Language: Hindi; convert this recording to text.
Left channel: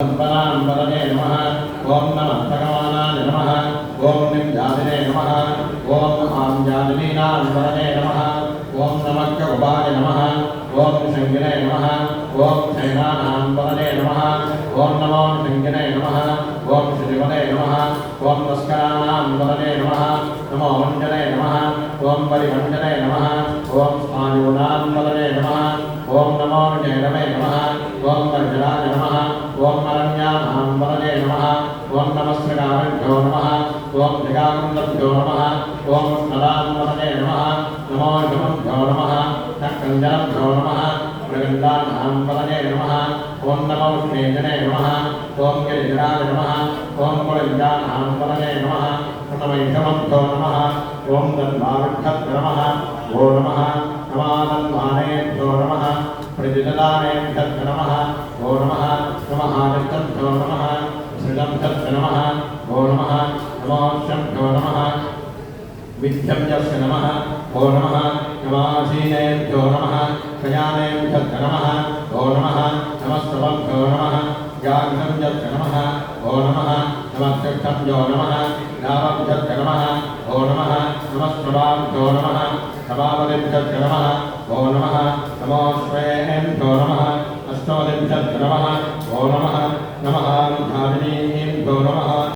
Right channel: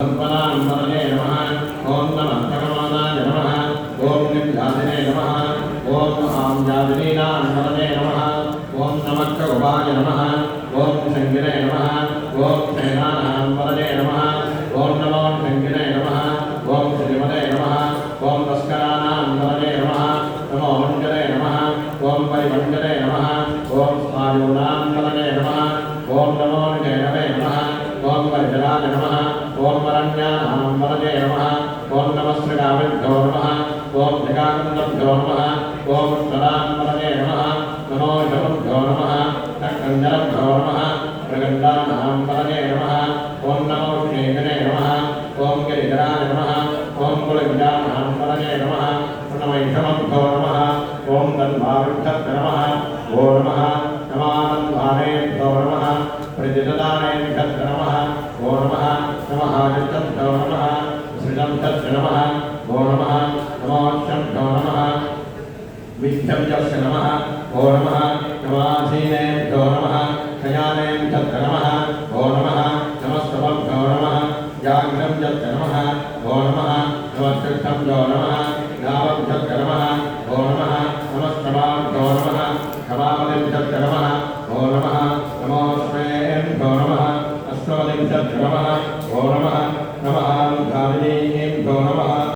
परांपरने नमः। ओम नमः भगवानाय नमः। ओम निम्यादिने नमः। ओम आम्यादिनीनान्वरने नमः। ओम नमः करुबाय नमः। ओम शंगिने नमः। ओम श्रीनानान्वरने नमः। ओम नमो शंगिने नमः। ओम श्रीमते नमः। ओम तस्करानान्वरने नमः। नमो मण्डले नमः। ओम परिमण्डले नमः। ओम स्नायूनान्वरने नमः। ओम नमो विजयनवे नमः। ओम गर्जनाय नमः। ओम अरण्यानां वरदे नमः। ओम नमस्कृताभ्यो नमः। ओम जगाकन्दभ्यो नमः। ओम उत्तरां वरदे नमः। नमो शतुभ्यो नमः। नक्कञ्जनभ्यो नमः। मृगन्धानां वरदे नमः। ओम नमो श्रीजने नमः। ओम गिरिजनाय नमः। ओम कुलञ्जानां वरदे नमः। नमैषमभ्यो नमः। ओम तन्मारुद्धभ्यो नमः। ओ नमः नमानन्दानेभ्यो नमः। प्रतिददानेभ्यो नमः। ओ नमः नमः जगद्भ्यो नमः। सृजं तस्य नमः। ओ नमः नमोऽश्वभ्यो नमः। विद्यं यस्य नमः। ओ नमः नमासीनेभ्यो नमः। शयानेभ्यो नमः। ओ नमः नमस्तवभ्यो नमः। जागृतं यस्य नमः। ओ नमः नमस्कृतं यो नमः।